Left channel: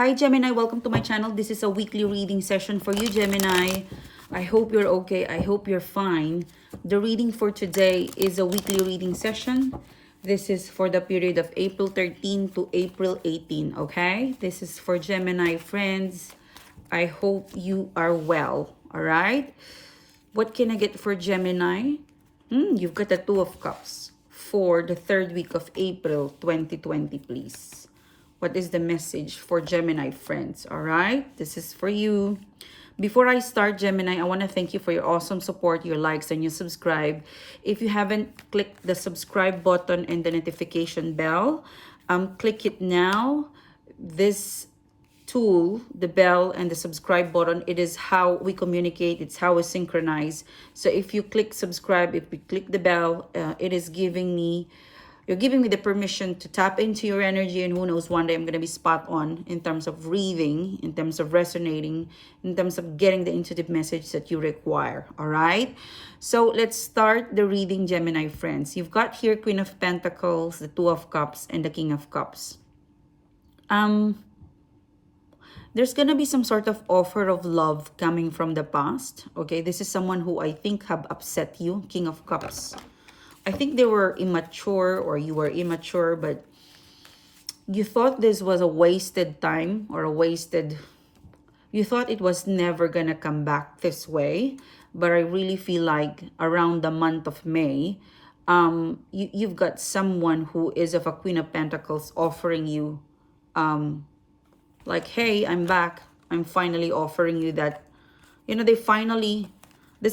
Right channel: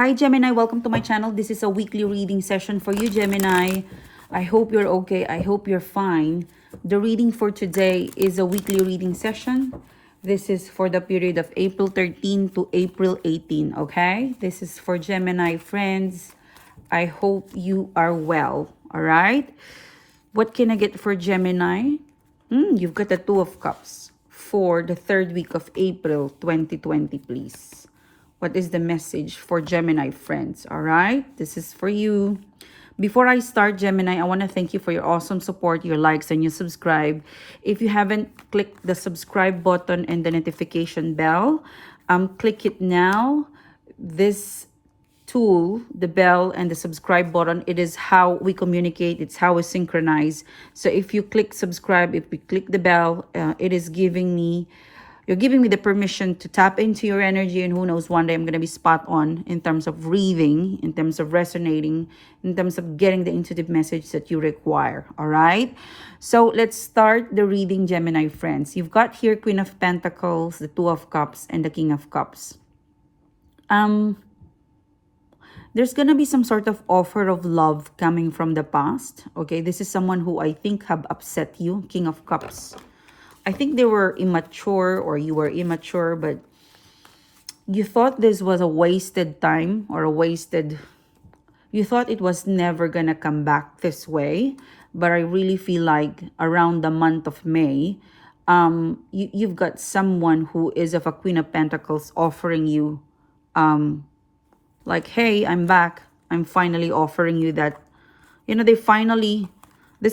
Hi Gemini, welcome to my channel. This is a weekly reading session for you, Gemini. I hope you're okay. I hope you're fine. The reading for today is a weekly reading session. This is for the period of April 13 to April 18, okay? This is for Gemini friends. I hope you are well, all right? What can I get for Gemini? You've got the Two of Cups for the third week of April 2020, please. What is the message for Gemini friends? All right, this is for you. Before I start, Gemini, I want to thank you for your awesome support, your likes, and your subscribe. If you haven't clicked the subscribe button and the notification bell, click it now. This tool, the bell and the subscribe button, it is how we communicate, it's how we synchronize. So if you click subscribe, if we click the bell, it is giving me, you're giving me the permission to tap into your energy, and who knows, one day I'm going to be spot on in terms of reading, in terms of resonating, in terms of getting the intuitive message that you require. All right, so let's start the reading, Gemini friends. You've got here Queen of Pentacles, the Two of Cups, and the King of Cups. There's gonna be some sort of offer of love coming from the past. Okay, this is someone who I think have upset you. King of Cups, I think they were immature, or you were immature, but you thought this was a wasted time, or a wasted, you thought it was never gonna come back this way. But I really feel like around the month of May, you've got someone who is of a Queen of Pentacles offering you, like, hey, I'm back. I'm finally offering you that. You know, there's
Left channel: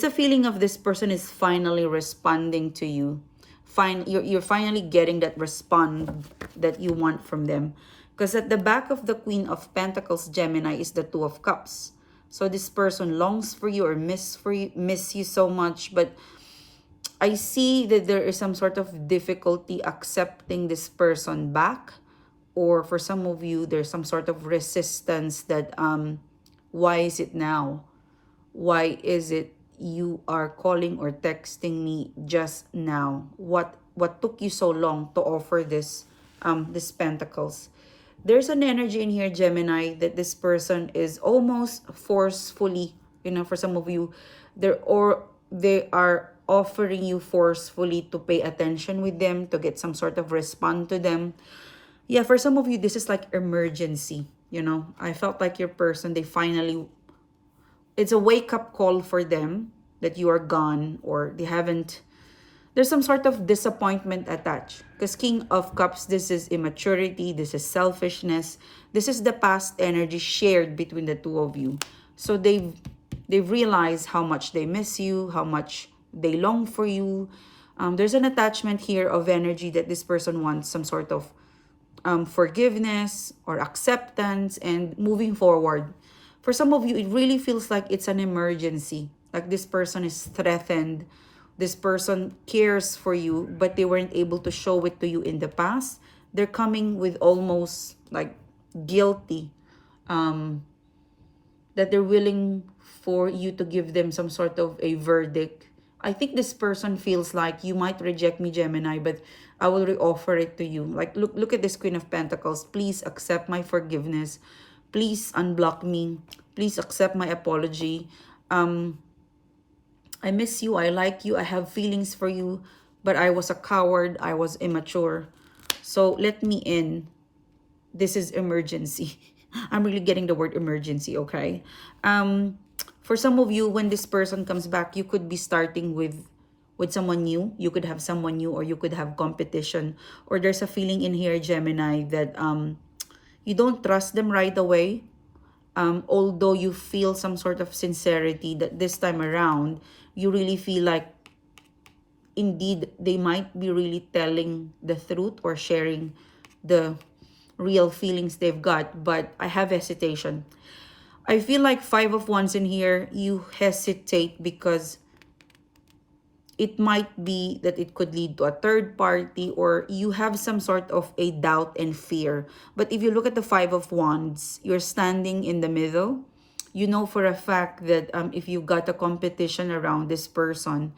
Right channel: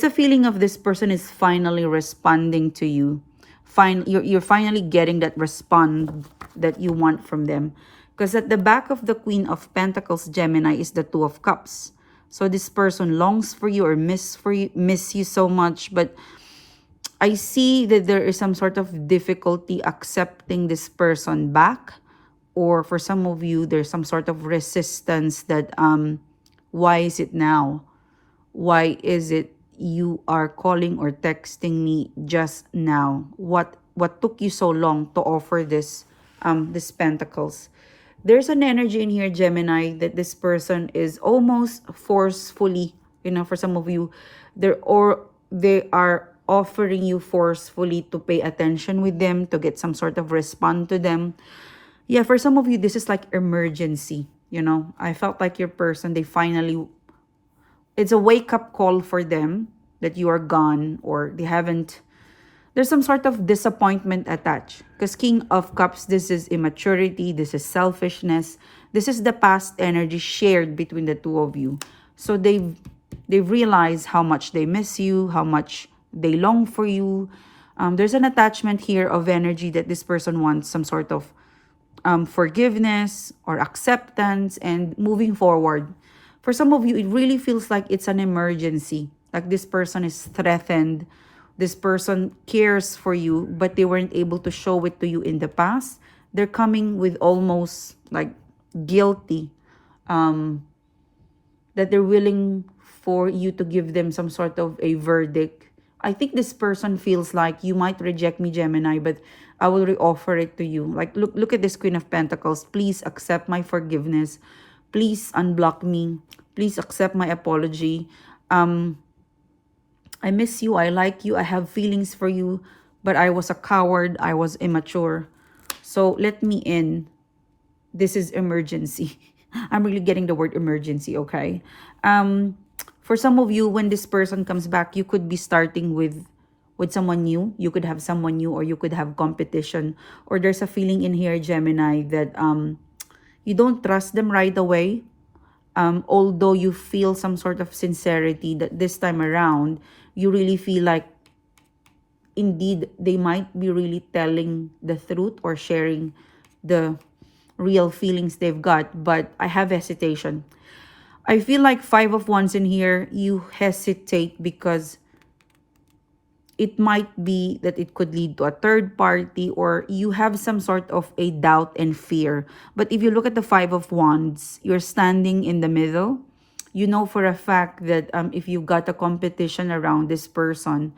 a feeling of this person is finally responding to you. You're finally getting that respond that you want from them. Because at the back of the Queen of Pentacles, Gemini, is the Two of Cups. So this person longs for you, or miss you so much. But I see that there is some sort of difficulty accepting this person back. Or for some of you, there's some sort of resistance that, why is it now? Why is it you are calling or texting me just now? What took you so long to offer this Pentacles? There's an energy in here, Gemini, that this person is almost forcefully, you know, for some of you, they are offering you forcefully to pay attention with them, to get some sort of response to them. Yeah, for some of you, this is like emergency. You know, I felt like your person, it's a wake-up call for them that you are gone, or there's some sort of disappointment attached. Because King of Cups, this is immaturity, this is selfishness, this is the past energy shared between the two of you. So they've realized how much they miss you, how much they long for you. There's an attachment here of energy that this person wants some sort of forgiveness or acceptance and moving forward. For some of you, it really feels like it's an emergency. Like this person is threatened. This person cares for you, but they weren't able to show it to you in the past. They're coming with almost like guilty, that they're willing for you to give them some sort of a verdict. I think this person feels like you might reject me, Gemini, but I will reoffer it to you. Like, look at this Queen of Pentacles. Please accept my forgiveness. Please unblock me. Please accept my apology. I miss you. I like you. I have feelings for you. But I was a coward. I was immature. So let me in. This is emergency. I'm really getting the word emergency, okay? For some of you, when this person comes back, you could be starting with someone new. You could have someone new, or you could have competition. Or there's a feeling in here, Gemini, that you don't trust them right away. Although you feel some sort of sincerity that this time around, you really feel like indeed they might be really telling the truth or sharing the real feelings they've got. But I have hesitation. I feel like Five of Wands in here, you hesitate because it might be that it could lead to a third party, or you have some sort of a doubt and fear. But if you look at the Five of Wands, you're standing in the middle. You know for a fact that if you got a competition around this person,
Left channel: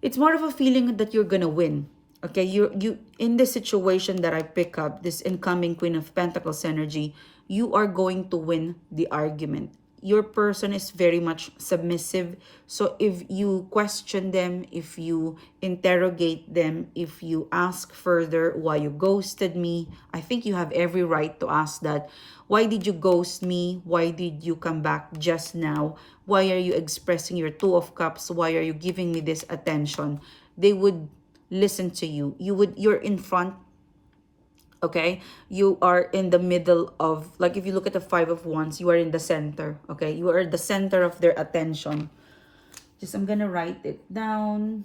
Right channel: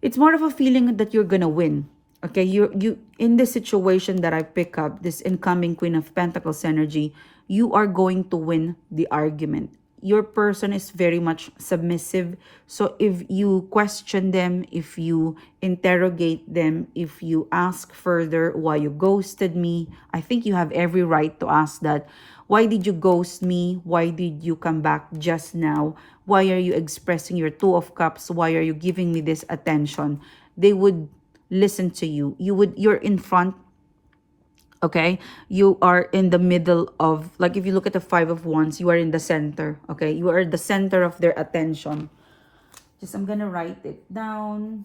it's more of a feeling that you're gonna win. Okay, you in this situation that I pick up, this incoming Queen of Pentacles energy, you are going to win the argument. Your person is very much submissive. So if you question them, if you interrogate them, if you ask further why you ghosted me, I think you have every right to ask that. Why did you ghost me? Why did you come back just now? Why are you expressing your Two of Cups? Why are you giving me this attention? They would listen to you. You're in front. Okay, you are in the middle of, like, if you look at the Five of Wands, you are in the center. Okay, you are the center of their attention. Just, I'm gonna write it down.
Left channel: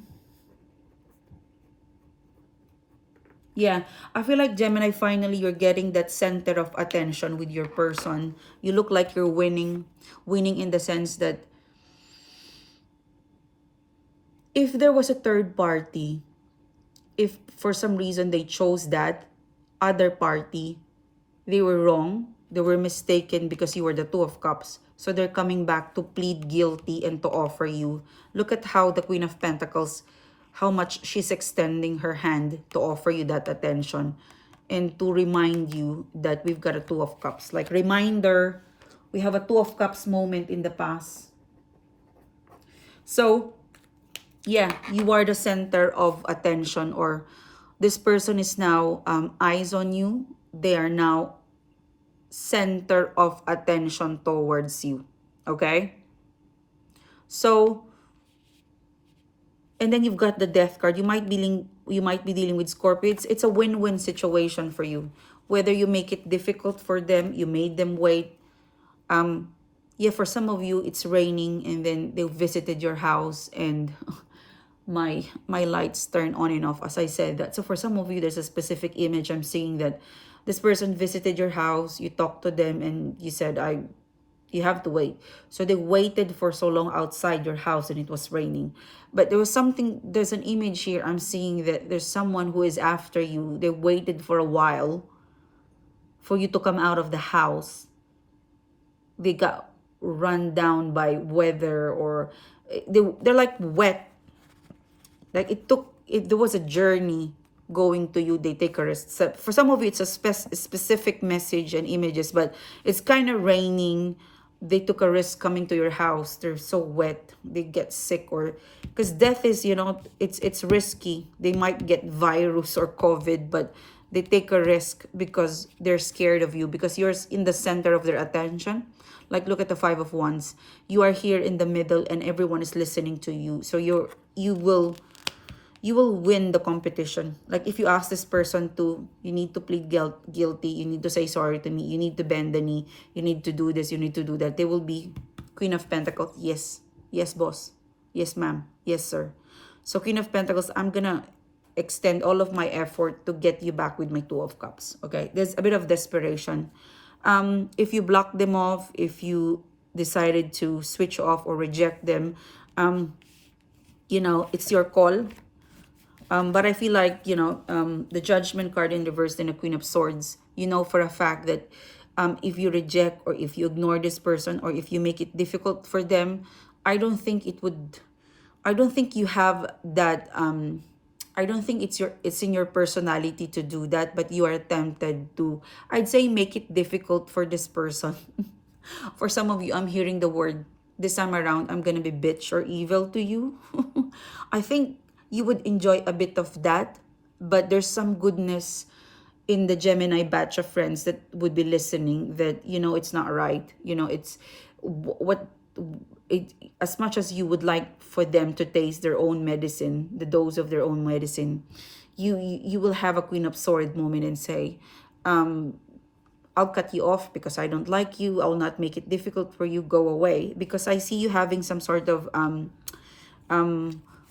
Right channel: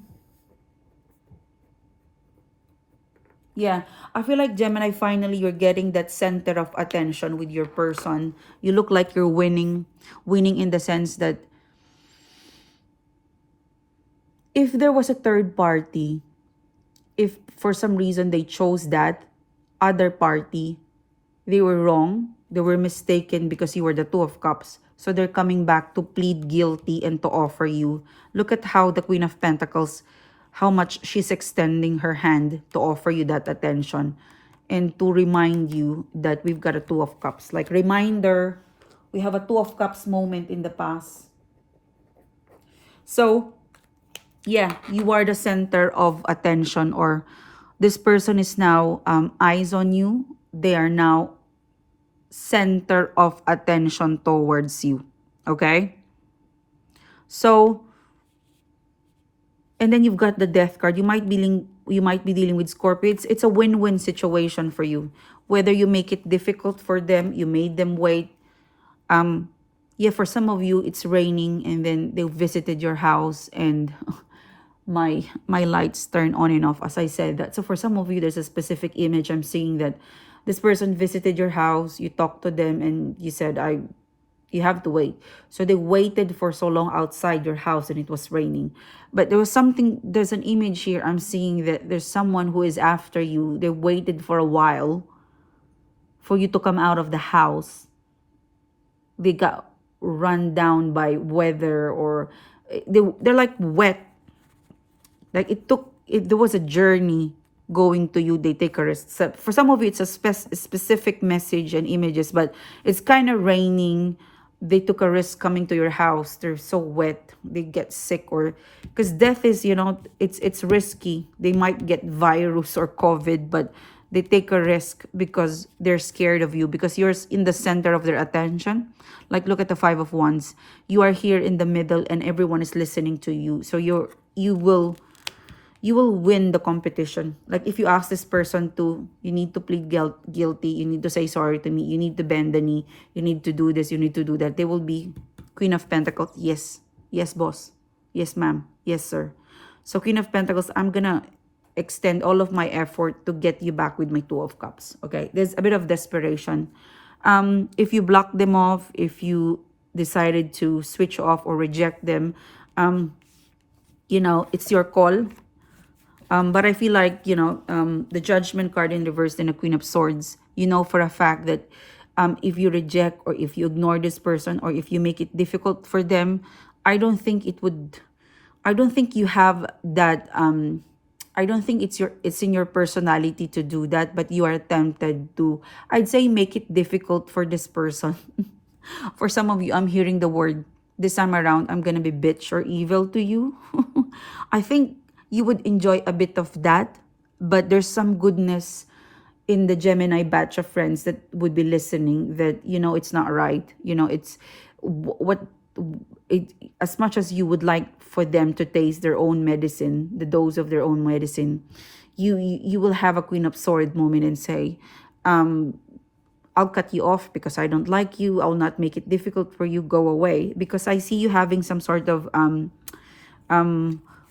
Yeah, I feel like, Gemini, finally you're getting that center of attention with your person. You look like you're winning in the sense that if there was a third party, if for some reason they chose that other party, they were wrong, they were mistaken because you were the Two of Cups. So they're coming back to plead guilty and to offer you. Look at how the Queen of Pentacles, how much she's extending her hand to offer you that attention and to remind you that we've got a Two of Cups. Like, reminder, we have a Two of Cups moment in the past. So, yeah, you are the center of attention, or this person is now eyes on you. They are now center of attention towards you. Okay? So, and then you've got the Death card. You might be dealing with Scorpio. It's a win-win situation for you. Whether you make it difficult for them, you made them wait. Yeah, for some of you, it's raining and then they visited your house and my lights turn on and off as I said that. So for some of you, there's a specific image I'm seeing that this person visited your house, you talked to them and you said, you have to wait. So they waited for so long outside your house and it was raining. But there's an image here I'm seeing that there's someone who is after you. They waited for a while for you to come out of the house. They got run down by weather, or they're like wet. Like there was a journey going to you. They take a risk. So for some of you, it's a specific message and images, but it's kind of raining. They took a risk coming to your house. They're so wet. They get sick, or because death is, it's risky. They might get virus or COVID, but they take a risk because they're scared of you, because you're in the center of their attention. Like, look at the Five of Wands. You are here in the middle and everyone is listening to you. So you will win the competition. Like, if you ask this person to, you need to plead guilty, you need to say sorry to me, you need to bend the knee, you need to do this, you need to do that, they will be Queen of Pentacles. Yes. Yes, boss. Yes, ma'am. Yes, sir. So Queen of Pentacles, I'm gonna extend all of my effort to get you back with my Two of Cups. Okay, there's a bit of desperation. If you block them off, if you decided to switch off or reject them, it's your call. But I feel like, the Judgment card in reverse and the Queen of Swords, for a fact that if you reject or if you ignore this person or if you make it difficult for them, I don't think you have that, I don't think it's in your personality to do that, but you are tempted to, I'd say, make it difficult for this person. For some of you, I'm hearing the word, this time around, I'm gonna be bitch or evil to you. I think you would enjoy a bit of that, but there's some goodness in the Gemini batch of friends that would be listening that, it's not right. It's what it, as much as you would like for them to taste their own medicine, the dose of their own medicine, you will have a Queen of Swords moment and say, I'll cut you off because I don't like you. I'll not make it difficult for you. Go away. Because I see you having some sort of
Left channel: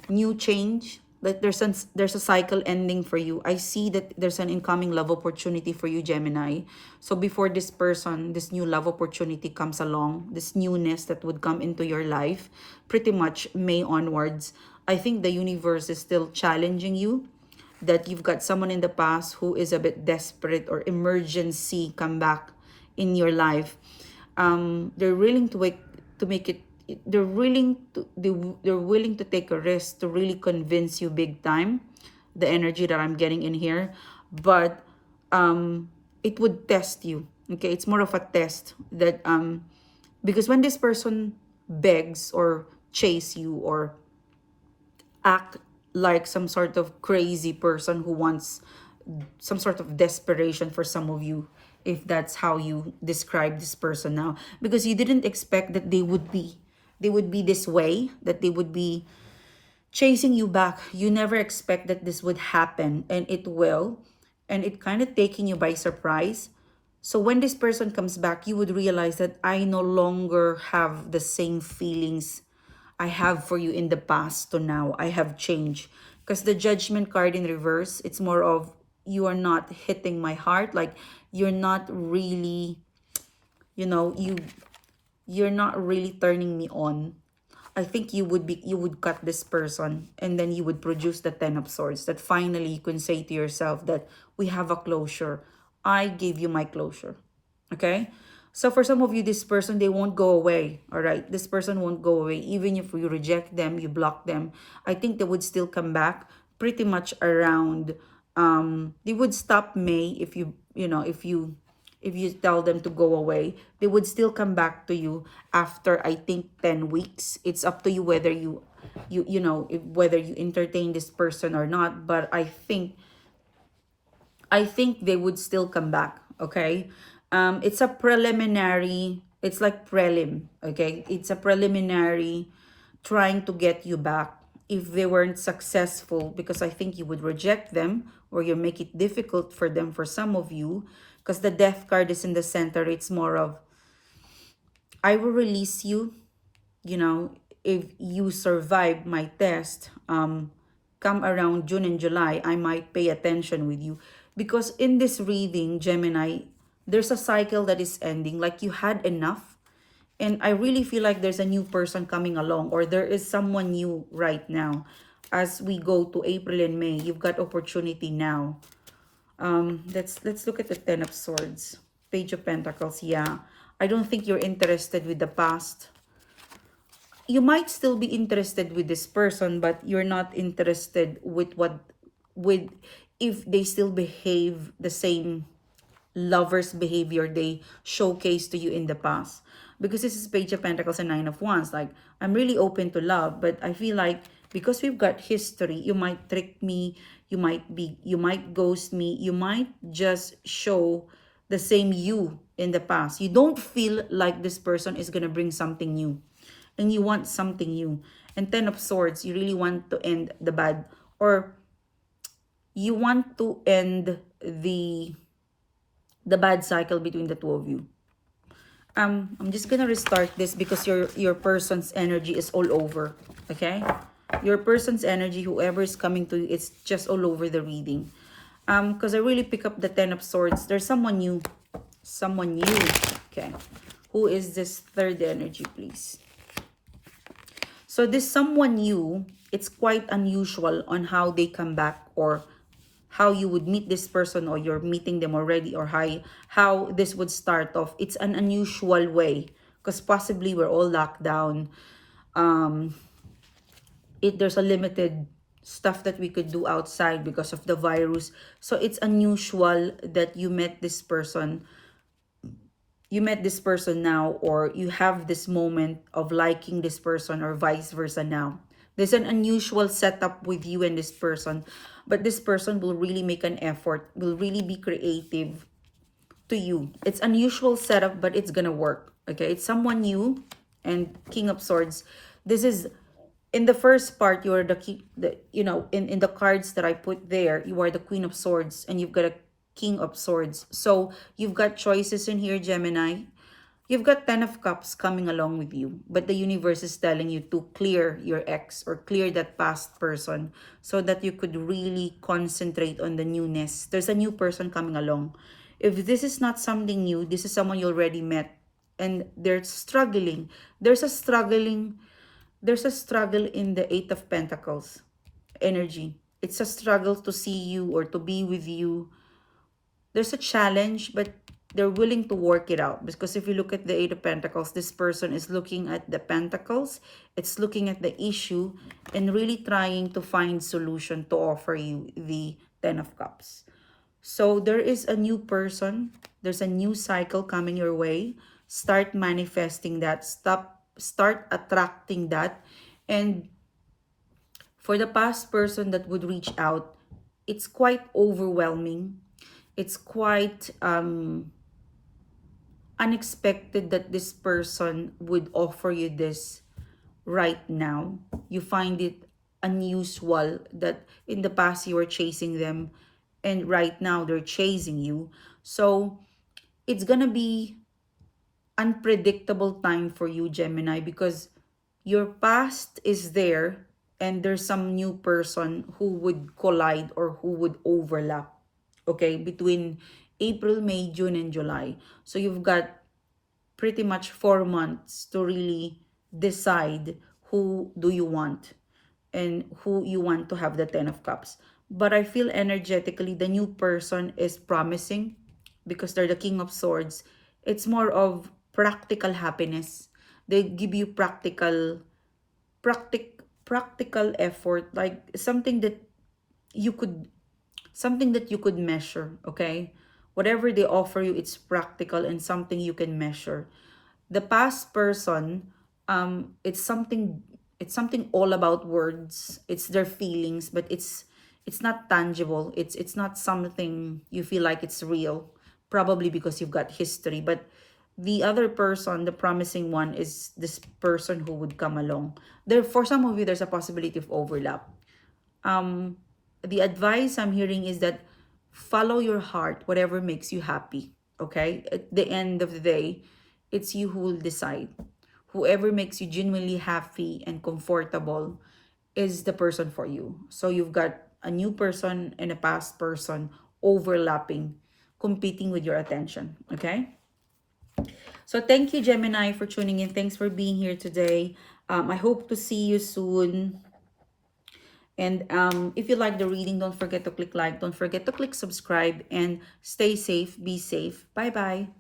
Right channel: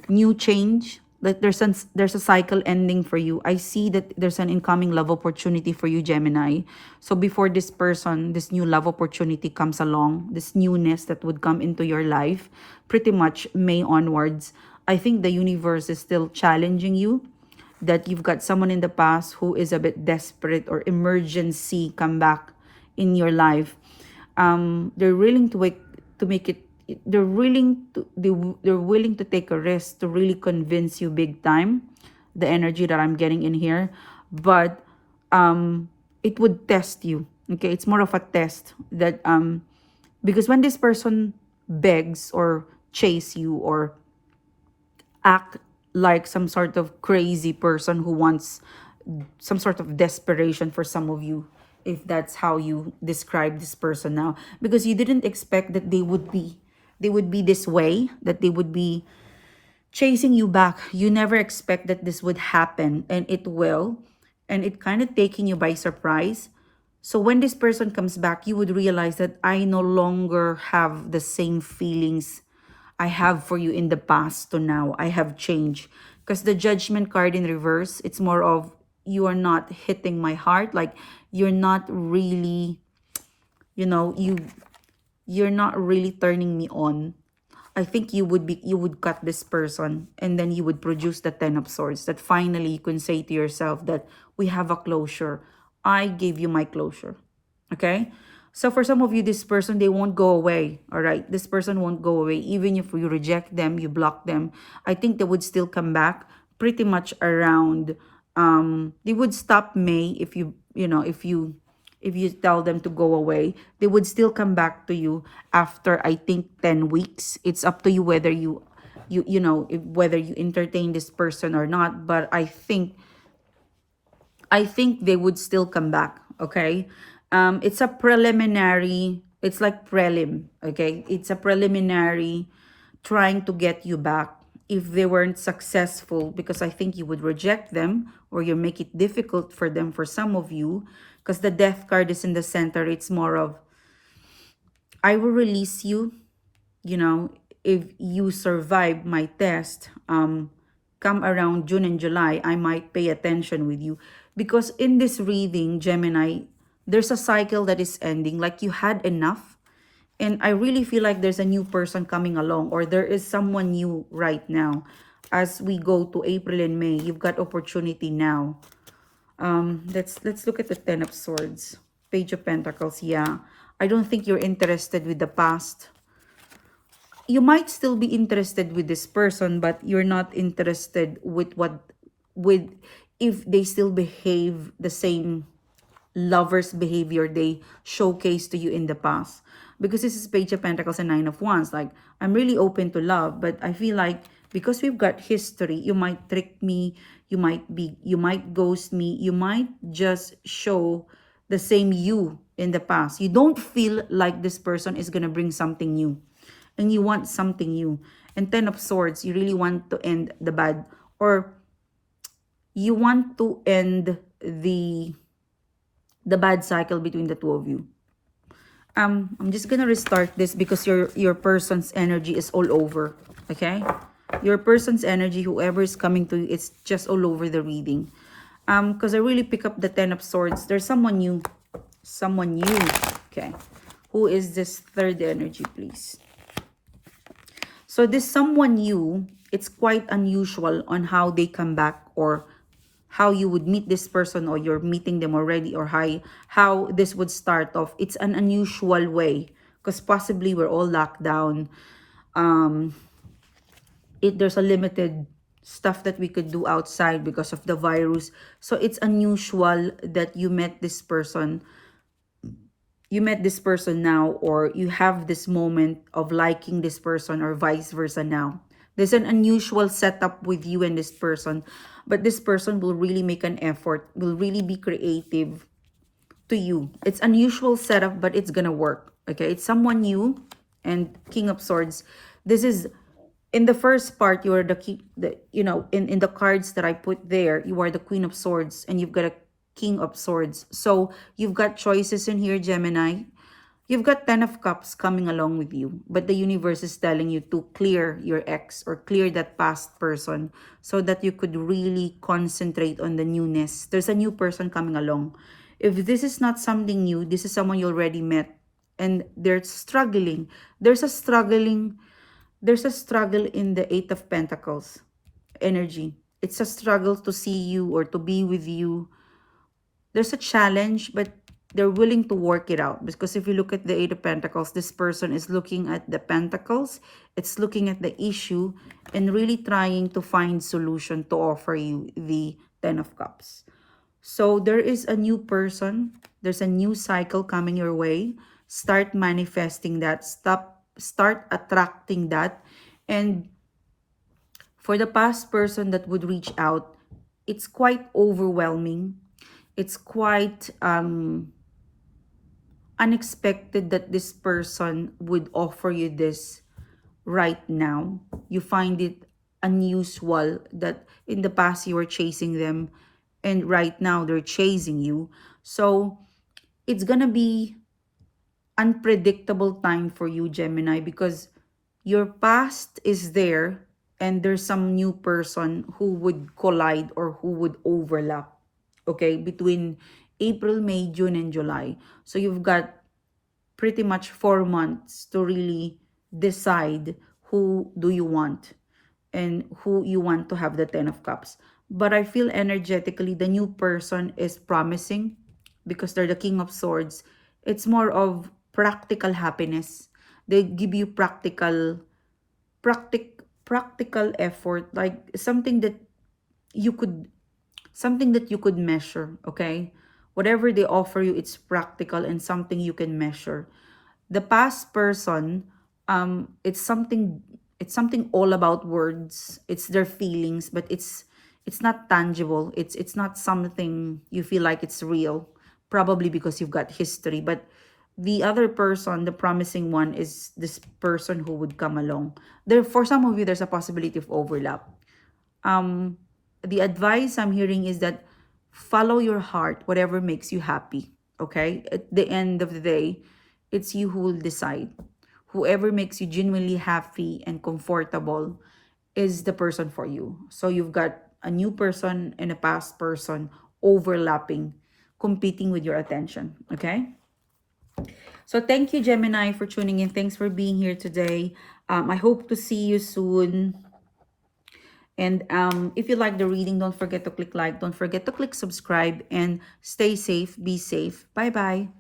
new change. Like there's a cycle ending for you. I see that there's an incoming love opportunity for you, Gemini. So before this person, this new love opportunity comes along, this newness that would come into your life, pretty much May onwards, I think the universe is still challenging you, that you've got someone in the past who is a bit desperate or emergency come back in your life. They're willing to make it. They're willing to take a risk to really convince you big time. The energy that I'm getting in here, but it would test you. Okay, it's more of a test that because when this person begs or chase you or act like some sort of crazy person who wants some sort of desperation for some of you, if that's how you describe this person now, because you didn't expect that they would be this way, that they would be chasing you back. You never expect that this would happen, and it will, and it kind of taking you by surprise. So when this person comes back, you would realize that I no longer have the same feelings I have for you in the past to now. I have changed. Because the judgment card in reverse, it's more of you are not hitting my heart. Like you're not really, you're not really turning me on. I think you would cut this person, and then you would produce the 10 of swords, that finally you can say to yourself that we have a closure. I gave you my closure. Okay? So for some of you, this person, they won't go away. All right? This person won't go away. Even if you reject them, you block them, I think they would still come back pretty much around they would stop May if if you tell them to go away. They would still come back to you after, I think, 10 weeks. It's up to you whether whether you entertain this person or not, but I think they would still come back. Okay. It's a preliminary, it's like prelim. Okay, it's a preliminary trying to get you back. If they weren't successful, because I think you would reject them or you make it difficult for them, for some of you, because the death card is in the center. It's more of, I will release you, you know, if you survive my test. Come around June and July, I might pay attention with you. Because in this reading, Gemini, there's a cycle that is ending. Like you had enough. And I really feel like there's a new person coming along, or there is someone new right now. As we go to April and May, you've got opportunity now. Let's look at the 10 of Swords. Page of Pentacles, yeah. I don't think you're interested with the past. You might still be interested with this person, but you're not interested with if they still behave the same lovers behavior they showcased to you in the past. Because this is Page of Pentacles and Nine of Wands. Like, I'm really open to love, but I feel like because we've got history, you might trick me, you might ghost me, you might just show the same you in the past. You don't feel like this person is gonna bring something new, and you want something new. And 10 of Swords, you really want to end the bad, or you want to end the bad cycle between the two of you. I'm just gonna restart this because your person's energy is all over. Okay, your person's energy, whoever is coming to you, it's just all over the reading. Because I really pick up the 10 of Swords. There's someone new. Okay, who is this third energy, please? So this someone new, it's quite unusual on how they come back, or how you would meet this person, or you're meeting them already, or how this would start off. It's an unusual way because possibly we're all locked down. There's a limited stuff that we could do outside because of the virus. So it's unusual that you met this person. You met this person now, or you have this moment of liking this person, or vice versa now. There's an unusual setup with you and this person, but this person will really make an effort, will really be creative to you. It's unusual setup, but it's gonna work. Okay, it's someone new. And King of Swords, this is in the first part, you are in the cards that I put there, you are the Queen of Swords, and you've got a King of Swords. So you've got choices in here, Gemini. You've got 10 of Cups coming along with you, but the universe is telling you to clear your ex, or clear that past person, so that you could really concentrate on the newness. There's a new person coming along. If this is not something new, this is someone you already met, and they're struggling. There's a struggle in the 8 of Pentacles energy. It's a struggle to see you or to be with you. There's a challenge, but they're willing to work it out. Because if you look at the 8 of Pentacles, this person is looking at the Pentacles. It's looking at the issue and really trying to find solution to offer you the 10 of Cups. So there is a new person. There's a new cycle coming your way. Start manifesting that. Start attracting that. And for the past person that would reach out, it's quite overwhelming. It's quite unexpected that this person would offer you this right now. You find it unusual that in the past you were chasing them and right now they're chasing you. So it's gonna be unpredictable time for you, Gemini, because your past is there and there's some new person who would collide or who would overlap, okay, between April, May, June, and July. So you've got pretty much 4 months to really decide who do you want and who you want to have the 10 of cups. But I feel energetically the new person is promising because they're the king of swords. It's more of practical happiness. They give you practical effort, like you could something that you could measure, okay? Whatever they offer you, it's practical and something you can measure. The past person, it's something all about words. It's their feelings, but it's not tangible. It's not something you feel like it's real, probably because you've got history. But the other person, the promising one, is this person who would come along. There, for some of you, there's a possibility of overlap. um the advice I'm hearing is that follow your heart, whatever makes you happy. Okay, at the end of the day, it's you who will decide. Whoever makes you genuinely happy and comfortable is the person for you. So you've got a new person and a past person overlapping, competing with your attention. Okay, so thank you, Gemini, for tuning in. Thanks for being here today. I hope to see you soon. And if you like the reading, don't forget to click like, don't forget to click subscribe, and stay safe, be safe. Bye bye.